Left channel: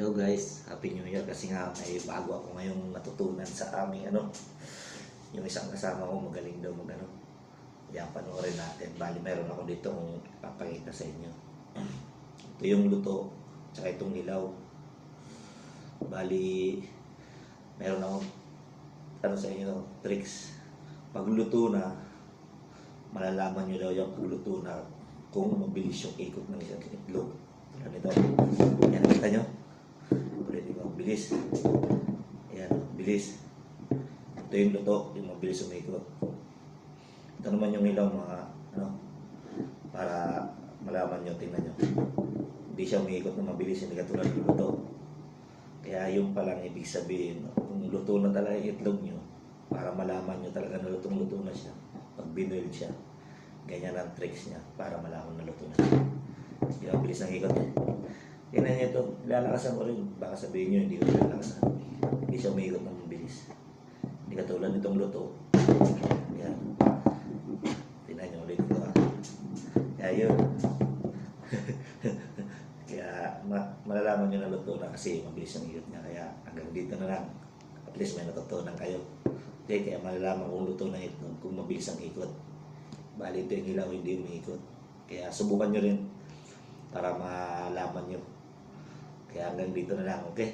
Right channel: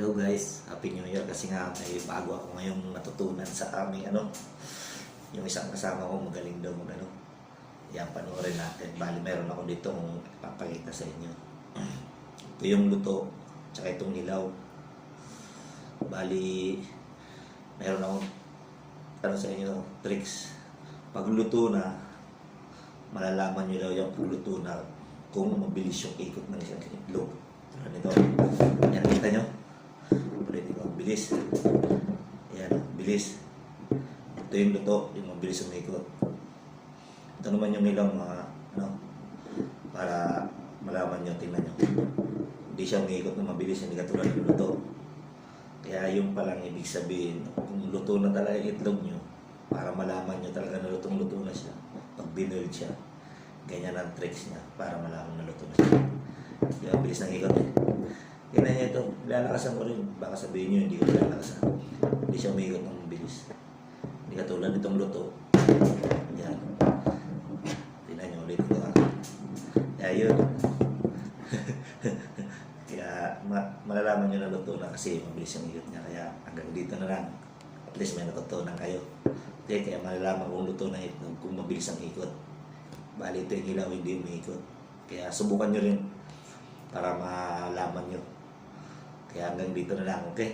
Hello guys, Happy New Year kasi nga may bago ako ngayong natutunan sa aming ano, yung isang kasama ko magaling daw ano. Yan, panoorin natin. Bali, meron ako dito kung papakita sa inyo. Ito yung luto, tsaka itong nilaw. Bali, meron ako para sa inyo, tricks. Pag luto na, malalaman nyo daw yung pagluto na kung mabilis yung ikot ng isang itlog. Ano ito? Yan, kita nyo? Pwede ko, bilis. Yan, bilis. Ito yung luto, yung mabilis umikot. Ito naman yung ilaw mga, ano, para malaman nyo, tingnan nyo. Hindi siya umikot na mabilis, hindi katulad ng luto. Kaya yung palang ibig sabihin, kung luto na talaga itlog nyo, para malaman nyo talaga na lutong-luto na siya, pag binoil siya, ganyan ang tricks niya para malaman na luto na siya. Yung ang bilis ng ikot eh. Tingnan niyo ito, lalakasan ko rin. Baka sabihin niyo, kasi mabilis yung ikot niya. Kaya hanggang dito na lang. At least may natutunan kayo. Okay, kaya malalaman kung luto na itlog, kung mabilis ang ikot. Bali ito yung ilaw, hindi umiikot. Kaya subukan nyo rin para malaman nyo. Kaya hanggang dito na lang, okay?